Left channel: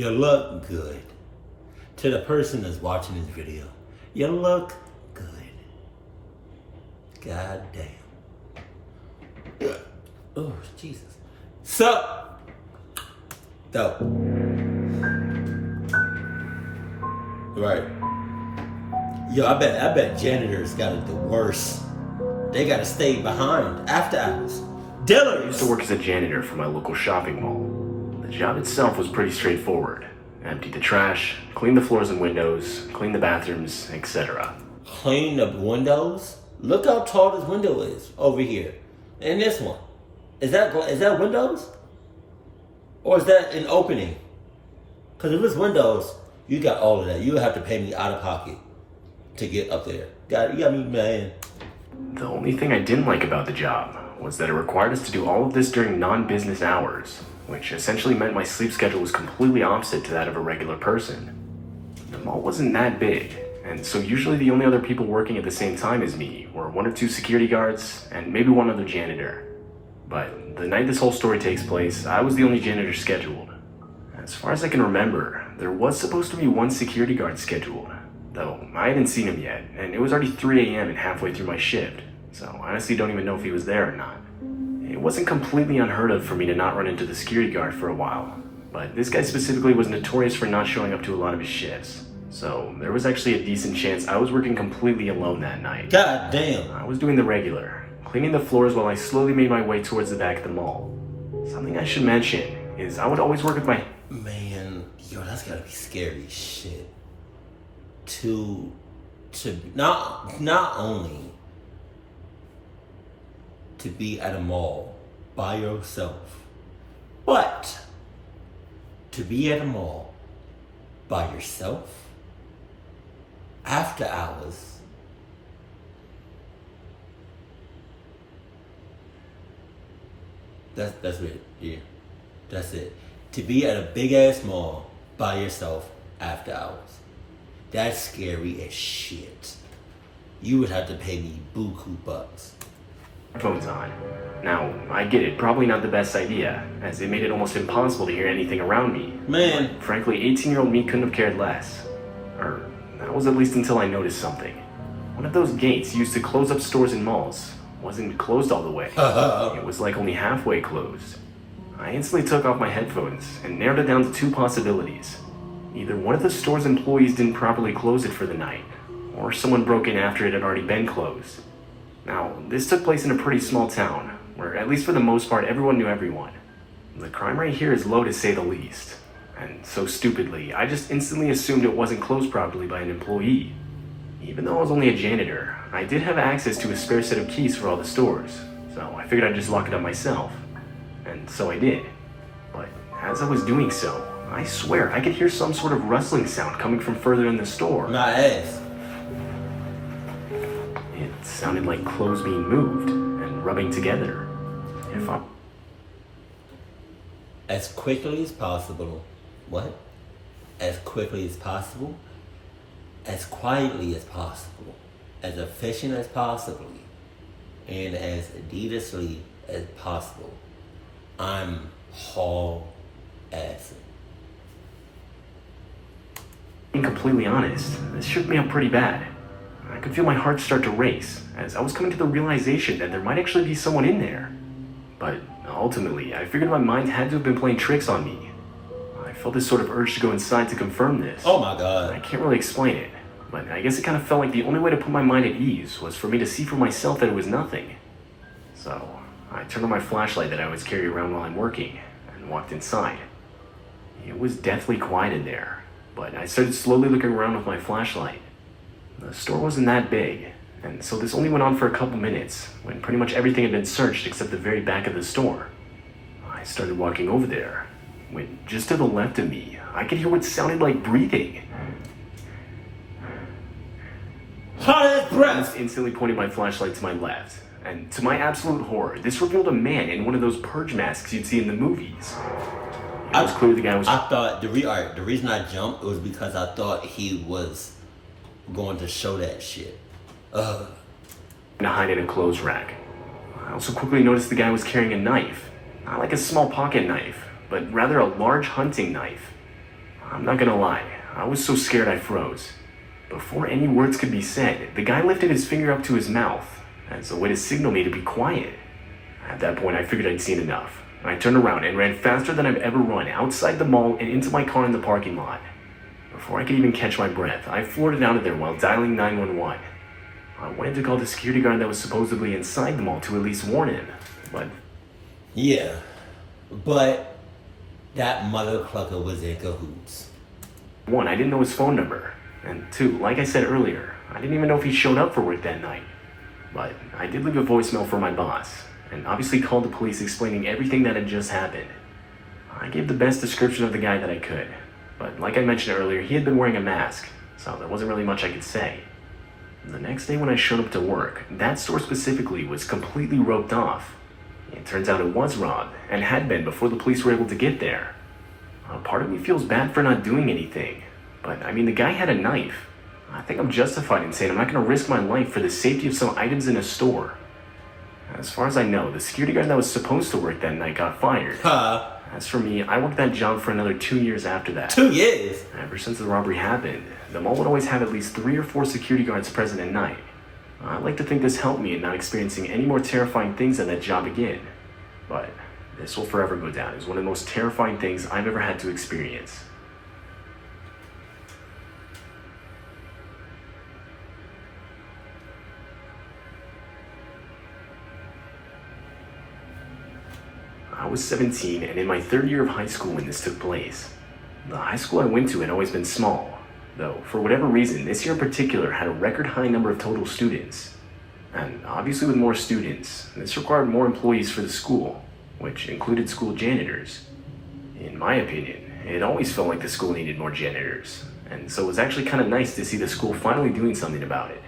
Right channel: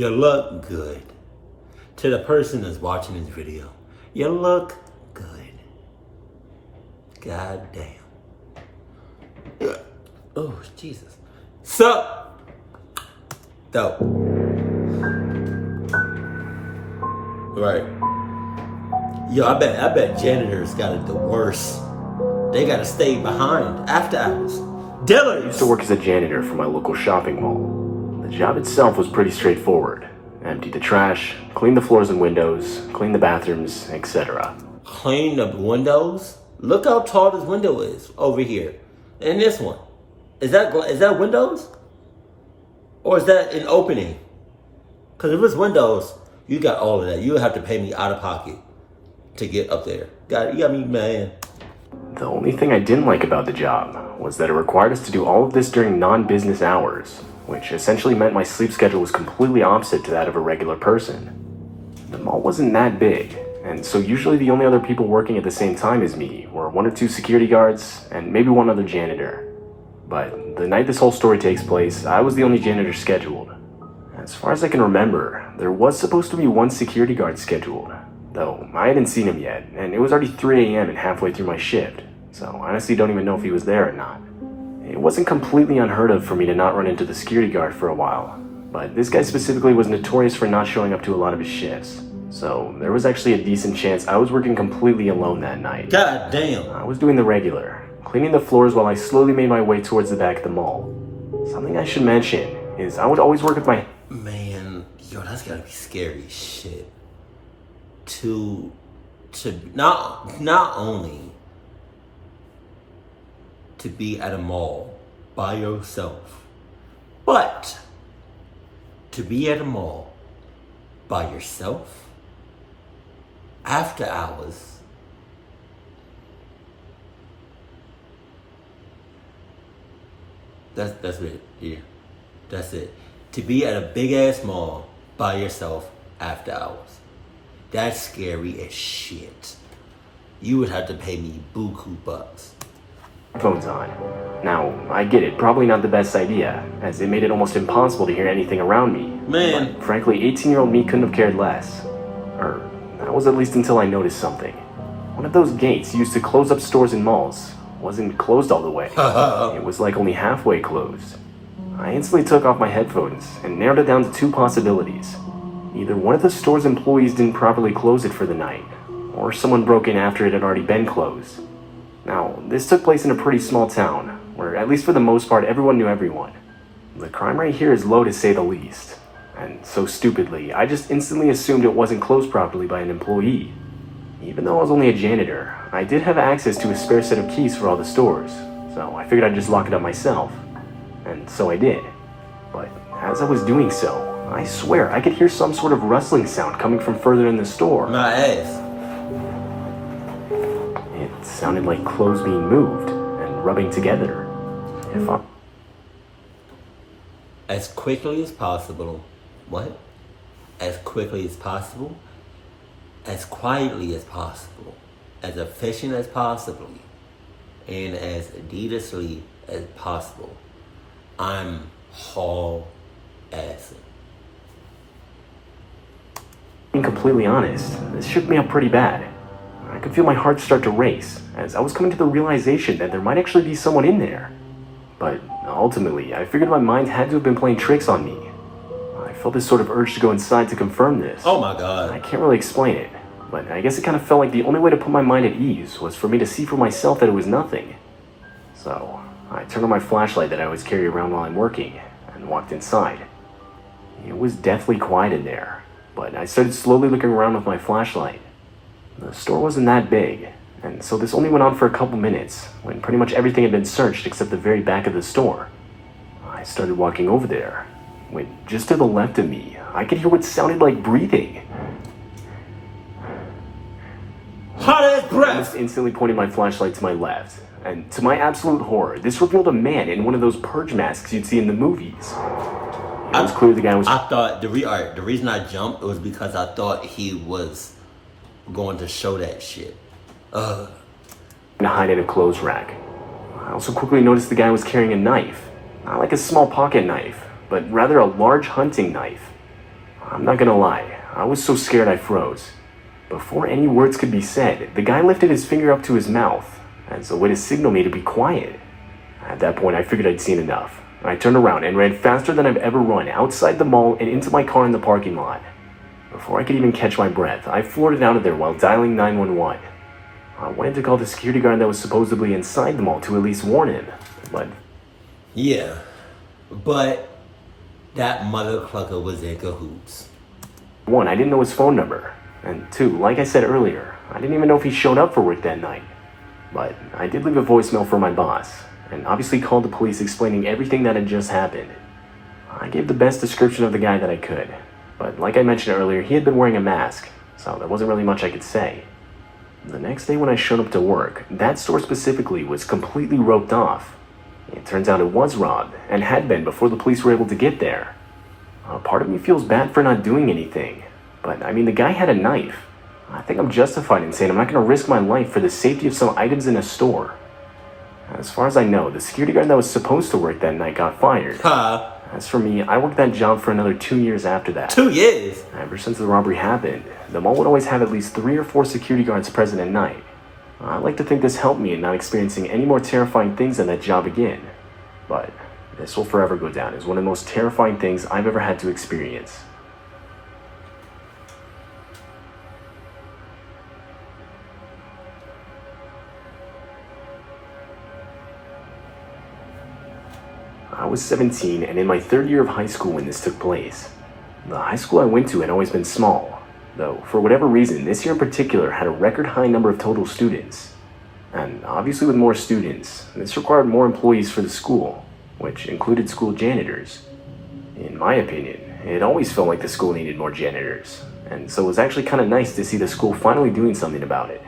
You look good. To the person that's watching this video, you look good. God damn. Oh, Jesus. Sup? Dope. Right. Yo, I bet janitors got it the worst. They gotta stay behind after hours. Dylan! I used to work as a janitor for my local shopping mall. The job itself was pretty straightforward. Empty the trash, clean the floors and windows, clean the bathrooms, etc. Clean the windows? Look how tall this window is over here. And this one. Is that windows? Or is that an opening? Because if it's windows, you got all of that. You would have to pay me out of pocket to get up there. You got me, man. The only thing I didn't like about the job was that it required us to do all of this during non-business hours, which essentially meant my sleep schedule was completely opposite to that of a regular person. The mall wasn't that big, and so usually the only other people working at the same time as me were 1 or 2 security guards and maybe 1 other janitor. But the night this whole story takes place, I was the only janitor scheduled. As far as I can remember, there was supposed to be 1 security guard scheduled, though I hadn't seen him yet, and it was already 3 a.m. and halfway through my shift, so I honestly don't even know if he was there or not. It wasn't completely unheard of for me to not run into the security guard for a while, but this guy specifically was notorious for not showing up to a lot of his shifts, so there was actually a decent chance I was working completely alone that night. God damn. I was doing the regular, cleaning the floors while I slowly made my way towards the back of the mall. Something I should mention is I would always work with my... Man, yo, that's gotta be scary as shit. To not only to be at a mall by yourself, but to be at a mall by yourself after hours. That's it. Yeah, that's it. To be at a big ass mall by yourself after hours. That's scary as shit. You would have to pay me buku bucks. Phones on. Now, I get it, probably not the best idea, as it made it almost impossible to hear anything around me. Man. But frankly, 18-year-old me couldn't have cared less. Or, that was at least until I noticed something. One of those gates used to close up stores and malls wasn't closed all the way. It was like only halfway closed. I instantly took off my headphones and narrowed it down to 2 possibilities. Either one of the store's employees didn't properly close it for the night, or someone broke in after it had already been closed. Now, this took place in a pretty small town, where at least for the most part everyone knew everyone. The crime rate here is low to say the least, and so stupidly, I just instantly assumed it wasn't closed properly by an employee. Even though I was only a janitor, I did have access to a spare set of keys for all the stores, so I figured I'd just lock it up myself. And so I did. But as I was doing so, I swear I could hear some sort of rustling sound coming from further in the store. My ass. It sounded like clothes being moved and rubbing together. As quickly as possible. What? As quickly as possible. As quietly as possible. As efficient as possible. And as Adidasly as possible. I'm haul-assing. Being completely honest, this shook me up pretty bad. I could feel my heart start to race, as I was coming to the realization that there might actually be someone in there. But ultimately, I figured my mind had to have been playing tricks on me. I felt this sort of urge to go inside to confirm this. Oh my god. I can't really explain it, but I guess it kind of felt like the only way to put my mind at ease was for me to see for myself that it was nothing. So, I turned on my flashlight that I always carry around while I'm working, and walked inside. It was deathly quiet in there, but I started slowly looking around with my flashlight. The store wasn't that big, and so this only went on for a couple minutes, when pretty much everything had been searched except the very back of the store. I started walking over there, when just to the left of me, I could hear what sounded like breathing. Hot ass I breath! was instantly pointing my flashlight to my left, and to my absolute horror, this revealed a man in one of those purge masks you'd see in the movies. It was clear the guy was... I thought, the reason I jumped was because I thought he was going to show that shit. to hide in a clothes rack. I also quickly noticed the guy was carrying a knife. Not like a small pocket knife, but rather a large hunting knife. I'm not gonna lie, I was so scared I froze. Before any words could be said, the guy lifted his finger up to his mouth as a way to signal me to be quiet. At that point, I figured I'd seen enough. I turned around and ran faster than I've ever run outside the mall and into my car in the parking lot. Before I could even catch my breath, I floated out of there while dialing 911. I wanted to call the security guard that was supposedly inside the mall to at least warn him, but... Yeah, but that motherfucker was in cahoots. One, I didn't know his phone number. And two, like I said earlier, I didn't even know if he showed up for work that night. But I did leave a voicemail for my boss, and obviously called the police explaining everything that had just happened. I gave the best description of the guy that I could, but like I mentioned earlier, he had been wearing a mask, so there wasn't really much I could say. The next day when I showed up to work, that store specifically was completely roped off. It turns out it was robbed, and had been before the police were able to get there. Part of me feels bad for not doing anything, but I mean, the guy had a knife. I think I'm justified in saying I'm not going to risk my life for the safety of some items in a store. As far as I know, the security guard that was supposed to work that night got fired. As for me, I worked that job for another 2 years after that. 2 years? Ever since the robbery happened, the mall would always have at least 3 or 4 security guards present at night. I like to think this helped me in not experiencing any more terrifying things at that job again. But this will forever go down as one of the most terrifying things I've ever had to experience. I was 17 and in my 3rd year of high school when this took place. The high school I went to had always been small, though for whatever reason this year in particular had a record high number of total students. And obviously with more students, this required more employees for the school, which included school janitors. In my opinion, it always felt like the school needed more janitors, and so it was actually kind of nice to see the school finally doing something about it.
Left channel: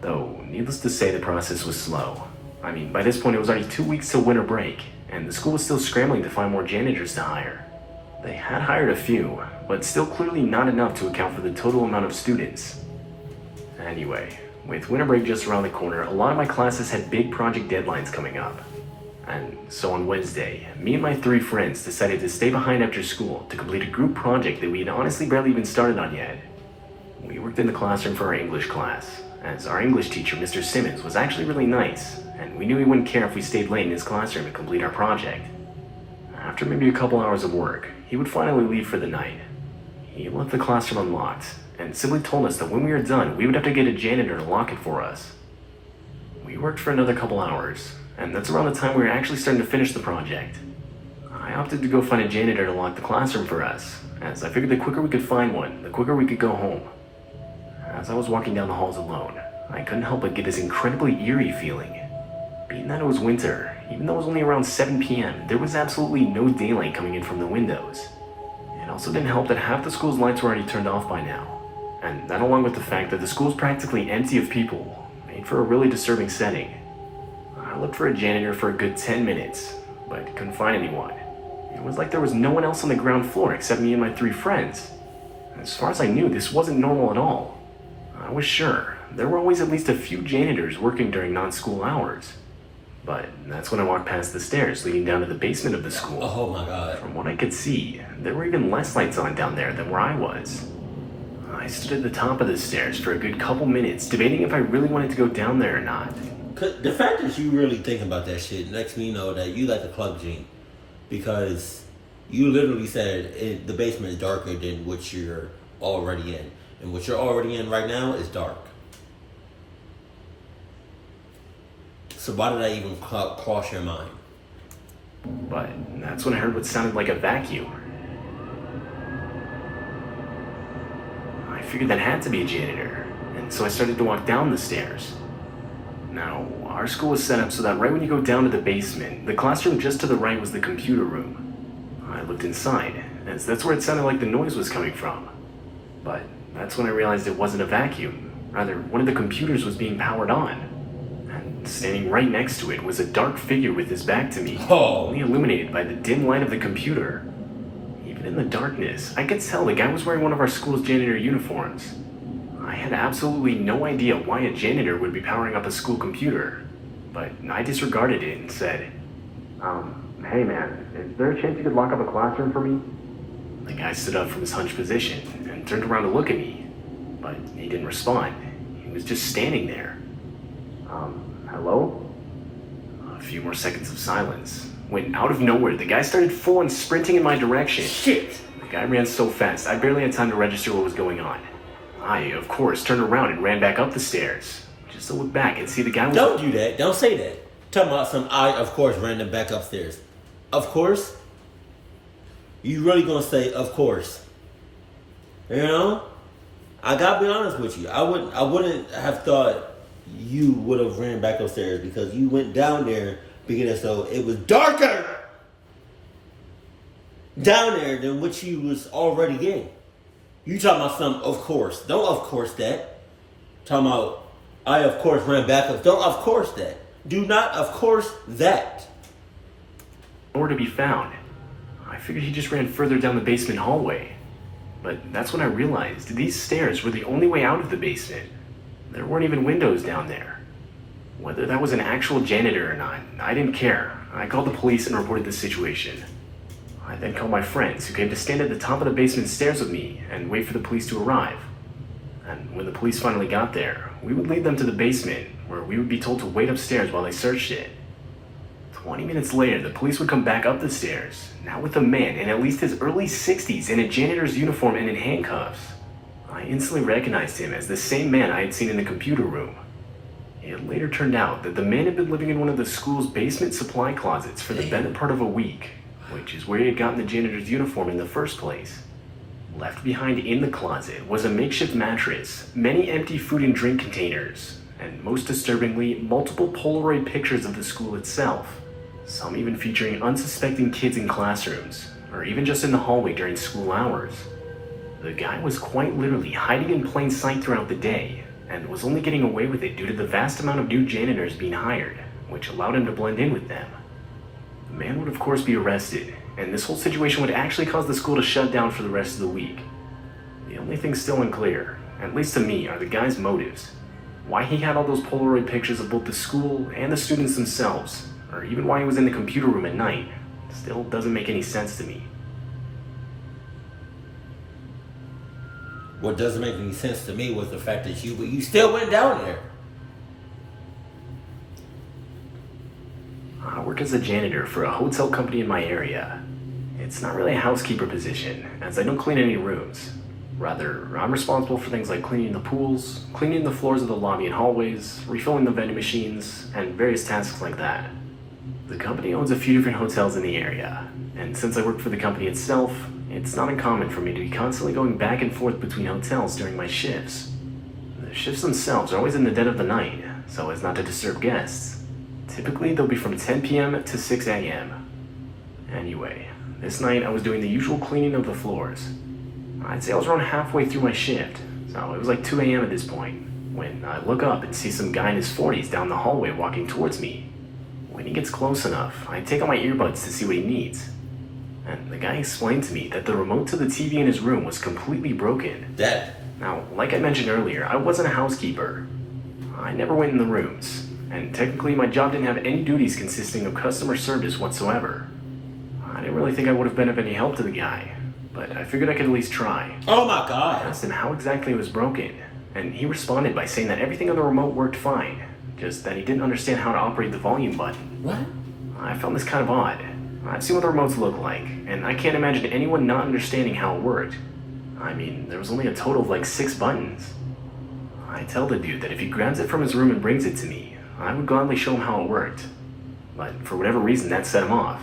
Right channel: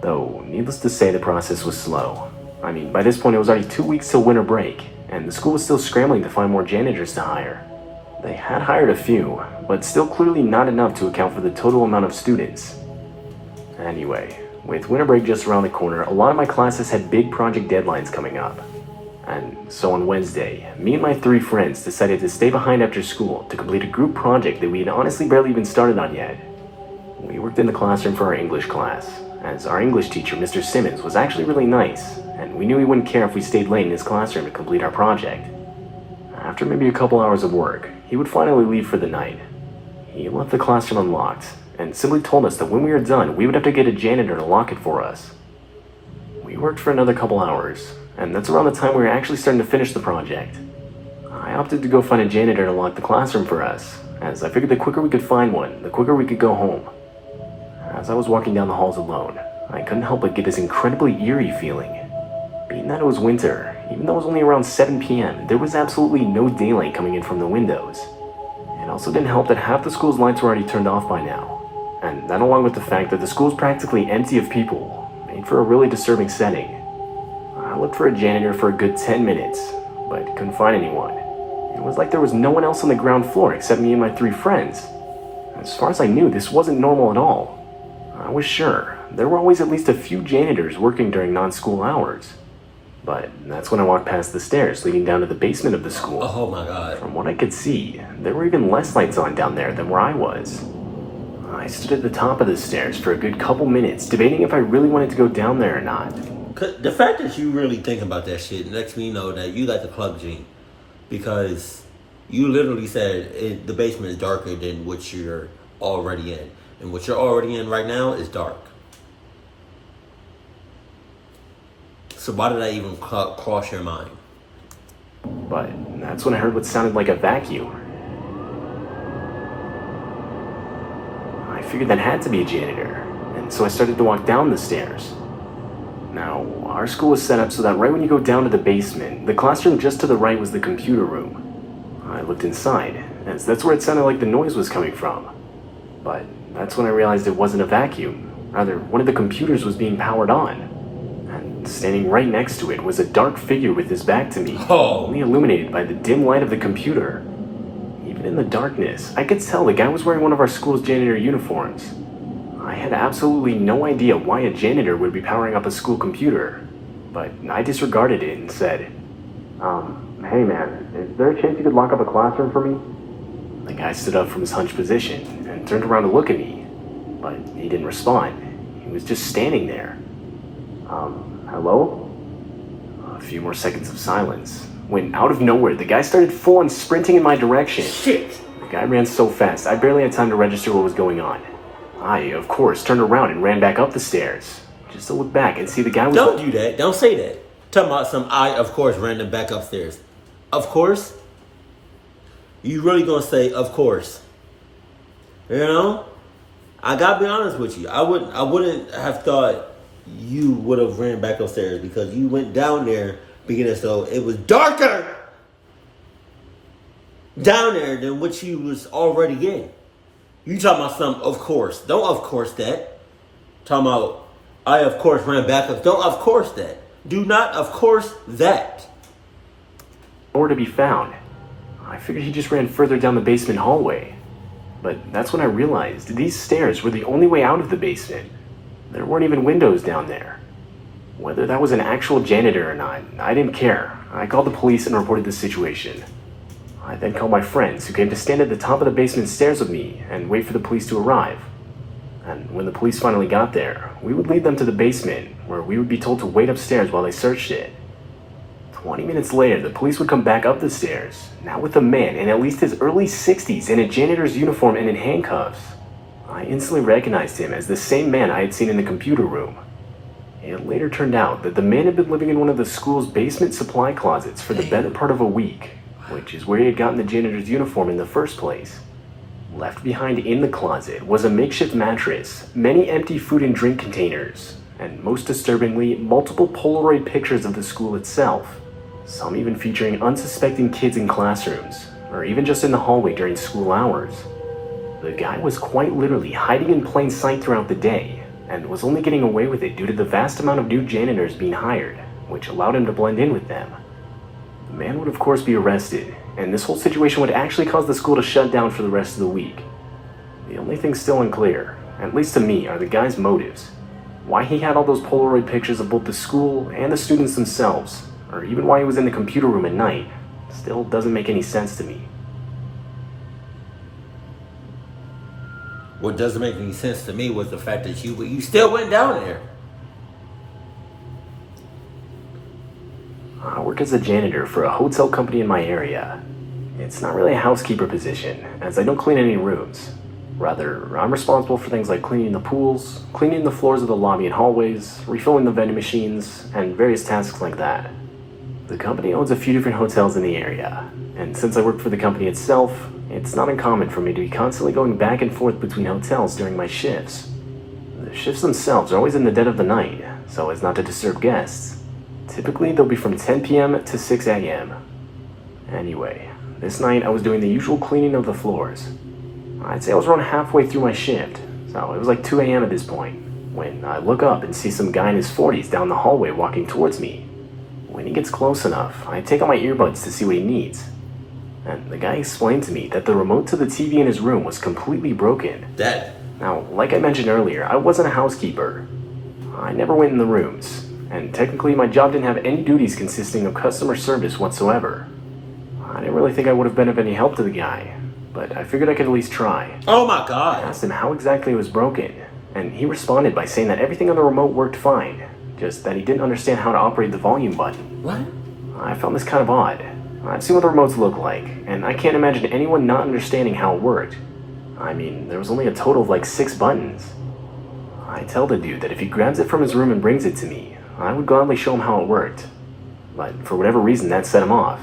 Though, needless to say, the process was slow. I mean, by this point it was already 2 weeks till winter break, and the school was still scrambling to find more janitors to hire. They had hired a few, but still clearly not enough to account for the total amount of students. Anyway, with winter break just around the corner, a lot of my classes had big project deadlines coming up. And so on Wednesday, me and my 3 friends decided to stay behind after school to complete a group project that we had honestly barely even started on yet. We worked in the classroom for our English class, as our English teacher, Mr. Simmons, was actually really nice, and we knew he wouldn't care if we stayed late in his classroom to complete our project. After maybe a couple hours of work, he would finally leave for the night. He left the classroom unlocked, and simply told us that when we were done, we would have to get a janitor to lock it for us. We worked for another couple hours, and that's around the time we were actually starting to finish the project. I opted to go find a janitor to lock the classroom for us, as I figured the quicker we could find one, the quicker we could go home. As I was walking down the halls alone, I couldn't help but get this incredibly eerie feeling. Being that it was winter, even though it was only around 7 p.m., there was absolutely no daylight coming in from the windows. It also didn't help that half the school's lights were already turned off by now, and that along with the fact that the school's practically empty of people, made for a really disturbing setting. I looked for a janitor for a good 10 minutes, but couldn't find anyone. It was like there was no one else on the ground floor except me and my 3 friends. As far as I knew, this wasn't normal at all. I was sure there were always at least a few janitors working during non-school hours. But that's when I walked past the stairs leading down to the basement of the school. Oh my God. From what I could see, there were even less lights on down there than where I was. I stood at the top of the stairs for a good couple minutes, debating if I really wanted to go down there or not. The fact that you really think about that shit lets me know that you like a club gene. Because you literally said the basement is darker than what you're already in. And what you're already in right now is dark. So why did that even cross your mind? But that's when I heard what sounded like a vacuum. I figured that had to be a janitor, and so I started to walk down the stairs. Now, our school was set up so that right when you go down to the basement, the classroom just to the right was the computer room. I looked inside, as that's where it sounded like the noise was coming from. But that's when I realized it wasn't a vacuum. Rather, one of the computers was being powered on. And standing right next to it was a dark figure with his back to me, only illuminated by the dim light of the computer. Even in the darkness, I could tell the guy was wearing one of our school's janitor uniforms. I had absolutely no idea why a janitor would be powering up a school computer, but I disregarded it and said, hey man, is there a chance you could lock up a classroom for me? The guy stood up from his hunched position and turned around to look at me, but he didn't respond. He was just standing there. Hello? A few more seconds of silence, when out of nowhere, the guy started full-on sprinting in my direction. Shit! The guy ran so fast, I barely had time to register what was going on. I, of course, turned around and ran back up the stairs, just to look back and see the guy was... Don't do that. Don't say that. Talking about some I, of course, ran them back upstairs. Of course? You really gonna say, of course? You know? I gotta be honest with you. I wouldn't have thought you would have ran back upstairs because you went down there being as though it was darker down there than what you was already in. You talking about some of course. Don't of course that. Talking about I of course ran back up. Don't of course that. Do not of course that. Nowhere to be found. I figured he just ran further down the basement hallway. But that's when I realized these stairs were the only way out of the basement. There weren't even windows down there. Whether that was an actual janitor or not, I didn't care. I called the police and reported the situation. I then called my friends, who came to stand at the top of the basement stairs with me and wait for the police to arrive. And when the police finally got there, we would lead them to the basement, where we would be told to wait upstairs while they searched it. 20 minutes later, the police would come back up the stairs, now with a man in at least his early 60s in a janitor's uniform and in handcuffs. I instantly recognized him as the same man I had seen in the computer room. It later turned out that the man had been living in one of the school's basement supply closets for the better part of a week, which is where he had gotten the janitor's uniform in the first place. Left behind in the closet was a makeshift mattress, many empty food and drink containers, and most disturbingly, multiple Polaroid pictures of the school itself, some even featuring unsuspecting kids in classrooms, or even just in the hallway during school hours. The guy was quite literally hiding in plain sight throughout the day, and was only getting away with it due to the vast amount of new janitors being hired, which allowed him to blend in with them. The man would of course be arrested, and this whole situation would actually cause the school to shut down for the rest of the week. The only thing still unclear, at least to me, are the guy's motives. Why he had all those Polaroid pictures of both the school and the students themselves, or even why he was in the computer room at night, still doesn't make any sense to me. What doesn't make any sense to me was the fact that you still went down there. I work as a janitor for a hotel company in my area. It's not really a housekeeper position, as I don't clean any rooms. Rather, I'm responsible for things like cleaning the pools, cleaning the floors of the lobby and hallways, refilling the vending machines, and various tasks like that. The company owns a few different hotels in the area, and since I work for the company itself, it's not uncommon for me to be constantly going back and forth between hotels during my shifts. The shifts themselves are always in the dead of the night, so as not to disturb guests. Typically, they'll be from 10 p.m. to 6 a.m. Anyway, this night I was doing the usual cleaning of the floors. I'd say I was around halfway through my shift, so it was like 2 a.m. at this point, when I look up and see some guy in his 40s down the hallway walking towards me. When he gets close enough, I take out my earbuds to see what he needs. And the guy explained to me that the remote to the TV in his room was completely broken. Now, like I mentioned earlier, I wasn't a housekeeper. I never went in the rooms, and technically my job didn't have any duties consisting of customer service whatsoever. I didn't really think I would have been of any help to the guy, but I figured I could at least try. Oh my God. I asked him how exactly it was broken, and he responded by saying that everything on the remote worked fine, just that he didn't understand how to operate the volume button. What? I found this kind of odd. I've seen what the remotes look like, and I can't imagine anyone not understanding how it worked. I mean, there was only a total of like 6 buttons. I tell the dude that if he grabs it from his room and brings it to me, I would gladly show him how it worked. But for whatever reason, that set him off.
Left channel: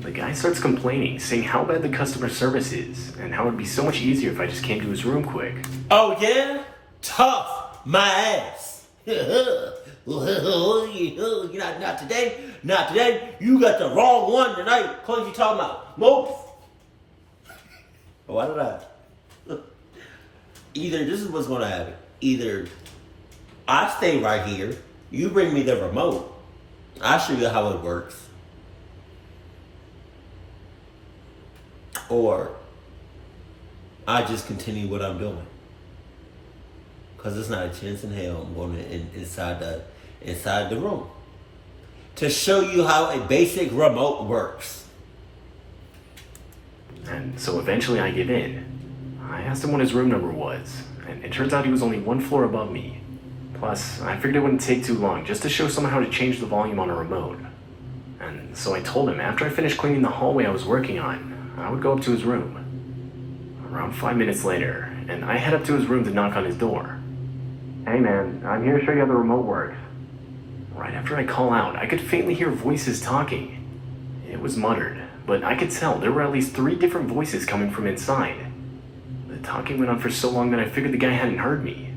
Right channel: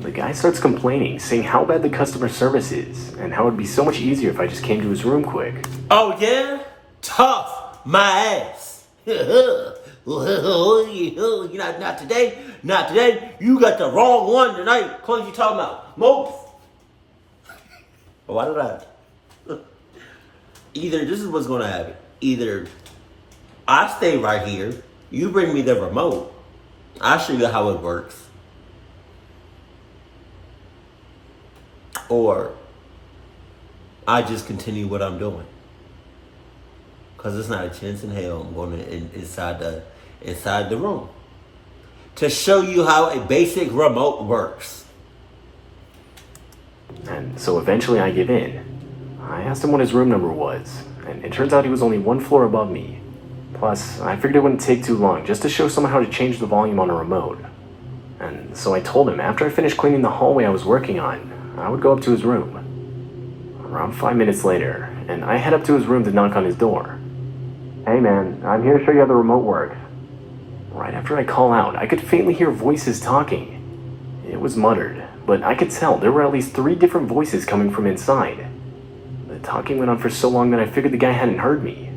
The guy starts complaining, saying how bad the customer service is, and how it would be so much easier if I just came to his room quick. Oh yeah? Tough my ass. Not today. Not today. You got the wrong one tonight. What you talking about? Move. Why did I? Either this is what's going to happen. Either I stay right here. You bring me the remote. I'll show you how it works. Or I just continue what I'm doing. Because there's not a chance in hell I'm going inside the room to show you how a basic remote works. And so eventually I give in. I asked him what his room number was, and it turns out he was only one floor above me. Plus, I figured it wouldn't take too long just to show someone how to change the volume on a remote. And so I told him after I finished cleaning the hallway I was working on, I would go up to his room. Around 5 minutes later, and I head up to his room to knock on his door. "Hey man, I'm here to show you how the remote works." Right after I call out, I could faintly hear voices talking. It was muttered, but I could tell there were at least 3 different voices coming from inside. The talking went on for so long that I figured the guy hadn't heard me.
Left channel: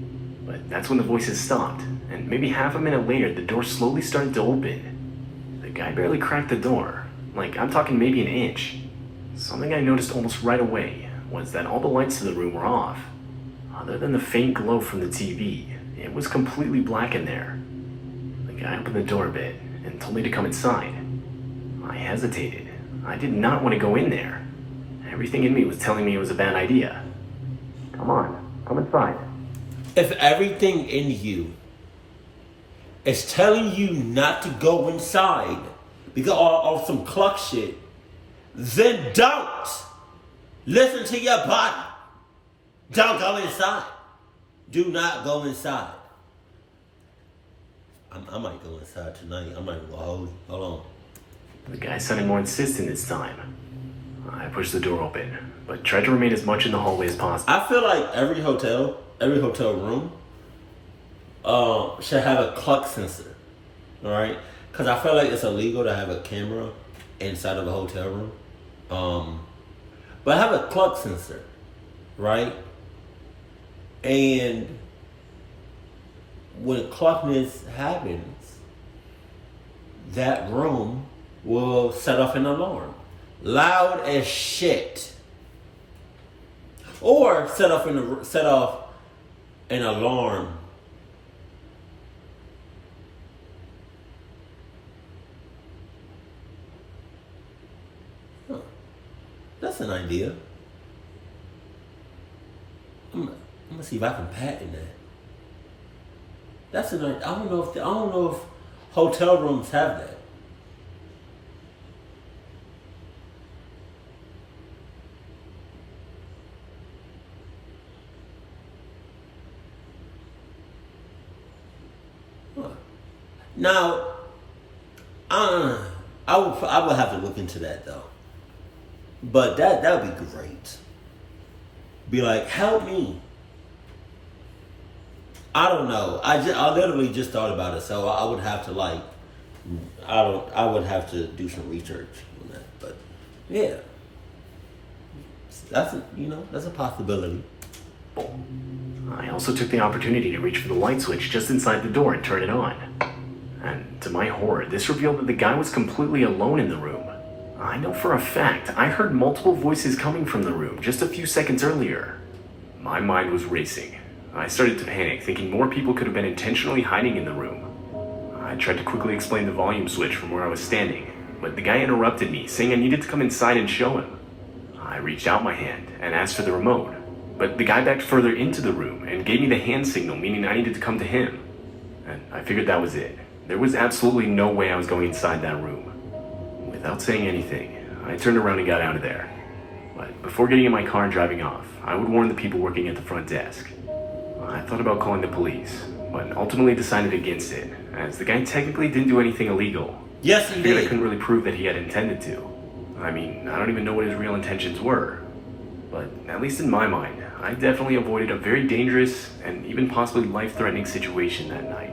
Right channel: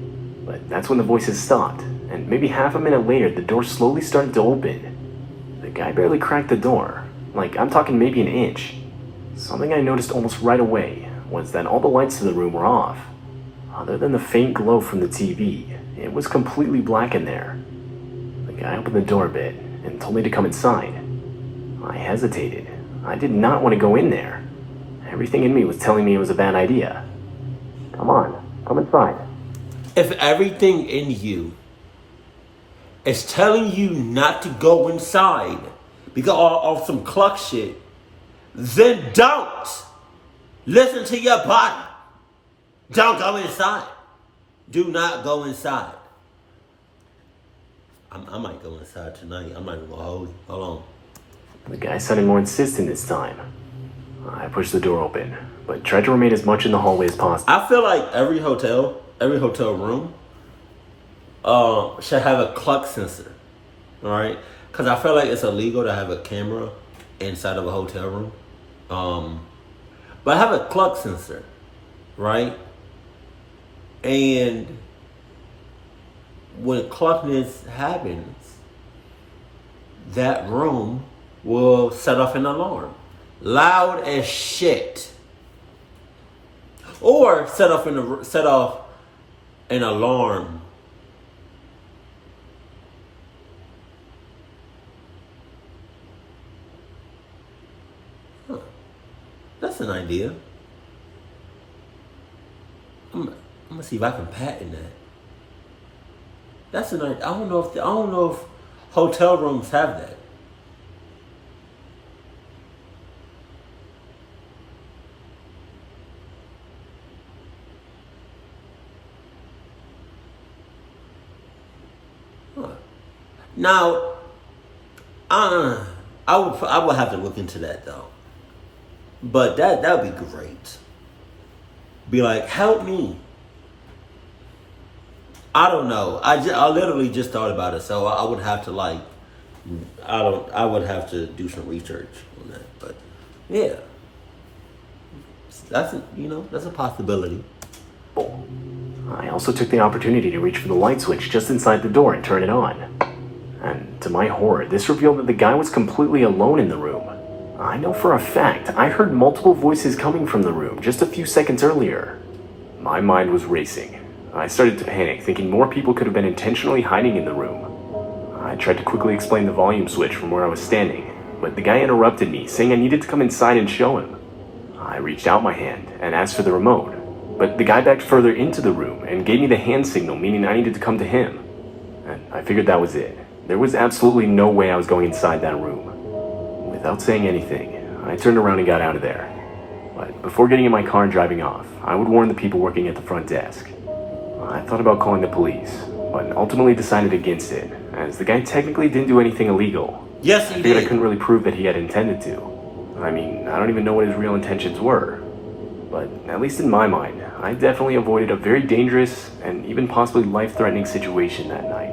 But that's when the voices stopped, and maybe half a minute later the door slowly started to open. The guy barely cracked the door, like I'm talking maybe an inch. Something I noticed almost right away was that all the lights in the room were off. Other than the faint glow from the TV, it was completely black in there. The guy opened the door a bit and told me to come inside. I hesitated. I did not want to go in there. Everything in me was telling me it was a bad idea. "Come on, come inside." If everything in you is telling you not to go inside because of some cluck shit, then don't listen to your body. Don't go inside. Do not go inside. I might go inside tonight. I might go hold on. The guy sounded more insistent this time. I pushed the door open, but tried to remain as much in the hallway as possible. I feel like every hotel room should have a cluck sensor, all right? Because I feel like it's illegal to have a camera inside of a hotel room. But have a cluck sensor, right? And when cluckness happens, that room will set off an alarm. Loud as shit. Or set off an alarm. Huh. That's an idea. I'm gonna see if I can patent that. That's an idea. I don't know if hotel rooms have that. Now, I would have to look into that though. But that would be great. Be like, help me. I don't know. I literally just thought about it, so I would have to I would have to do some research on that. But yeah, that's a possibility. I also took the opportunity to reach for the light switch just inside the door and turn it on. And to my horror, this revealed that the guy was completely alone in the room. I know for a fact I heard multiple voices coming from the room just a few seconds earlier. My mind was racing. I started to panic, thinking more people could have been intentionally hiding in the room. I tried to quickly explain the volume switch from where I was standing, but the guy interrupted me, saying I needed to come inside and show him. I reached out my hand and asked for the remote, but the guy backed further into the room and gave me the hand signal, meaning I needed to come to him. And I figured that was it. There was absolutely no way I was going inside that room. Without saying anything, I turned around and got out of there. But before getting in my car and driving off, I would warn the people working at the front desk. I thought about calling the police, but ultimately decided against it, as the guy technically didn't do anything illegal. Yes, he did. I couldn't really prove that he had intended to. I mean, I don't even know what his real intentions were. But at least in my mind, I definitely avoided a very dangerous and even possibly life-threatening situation that night.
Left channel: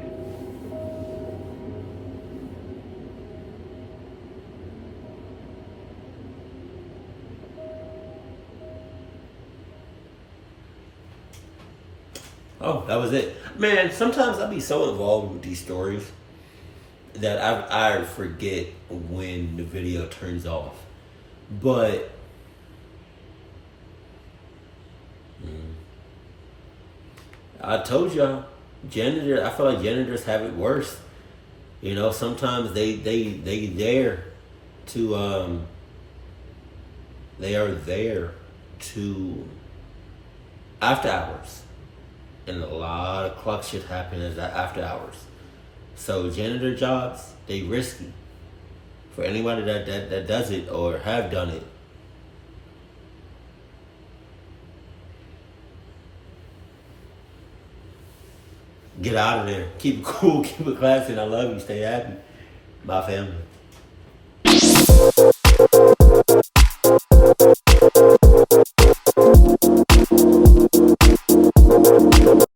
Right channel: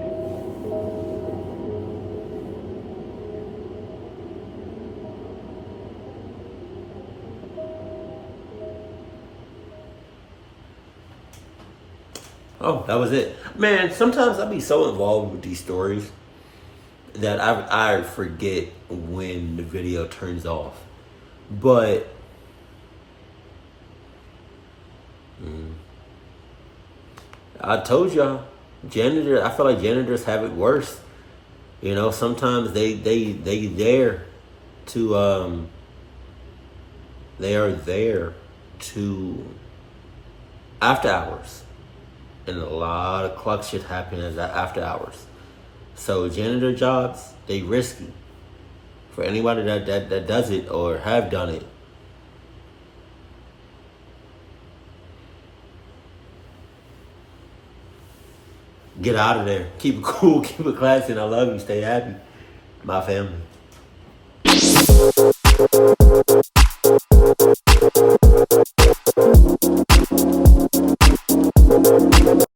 Oh, that was it. Man, sometimes I be so involved with these stories that I forget when the video turns off. But I told y'all, I feel like janitors have it worse. You know, sometimes they there to they are there to after hours. And a lot of cluck shit happens after hours. So janitor jobs, they risky. For anybody that does it or have done it, Get out of there. Keep it cool. Keep it classy. And I love you. Stay happy. My family.